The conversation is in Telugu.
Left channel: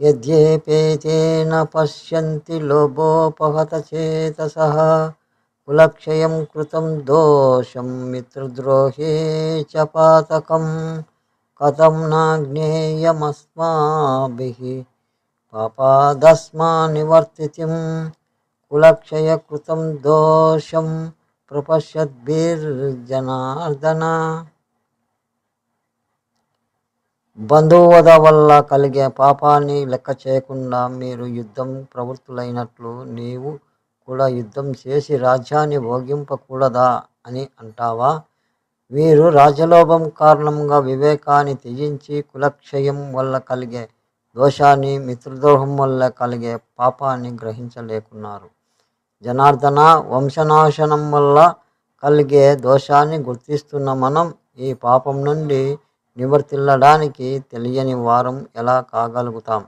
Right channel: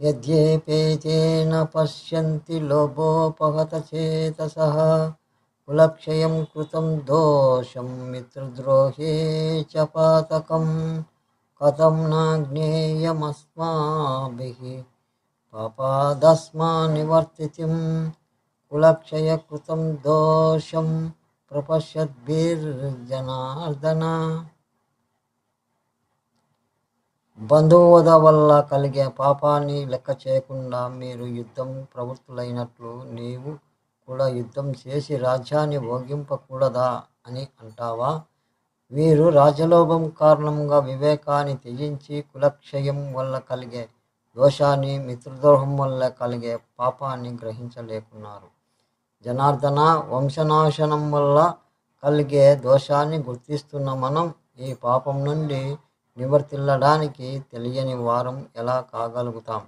యద్యేపేతేన పశ్యంతి లోభోపహత చేతసః కులక్షయం కృతం దోషం మిత్రద్రోహే చ పాతకం కథం న జ్ఞేయమస్మాభిః పాపాదస్మా నివర్తితిం కులక్షయ కృతం దోషం ప్రపశ్యద్భిర్జనార్దన. బంధువధ వల్ల కలిగే పాపాన్ని లెక్క చేయకుండా మీరు యుద్ధం ప్రవృత్తులైనట్లు నీవు కూడా యుద్ధం చేసి రాజ్యాన్ని భోగింపకూడదా అని అంటావా? వీరు రాజలోభం కారణంగా వివేకాన్ని త్యజించి కులక్షయం వల్ల కలిగే దోషాన్ని, మిత్రద్రోహం వల్ల కలిగే పాపాన్ని గ్రహించలేకున్నారు. జనార్దన, వంశనాశనం వల్ల కలిగే దోషాన్ని గుర్తిస్తున్న మనం ఈ పాపం నుండి నివర్తిల్లడానికి తెలియని వారం ఎలా కాగలుగుతాం?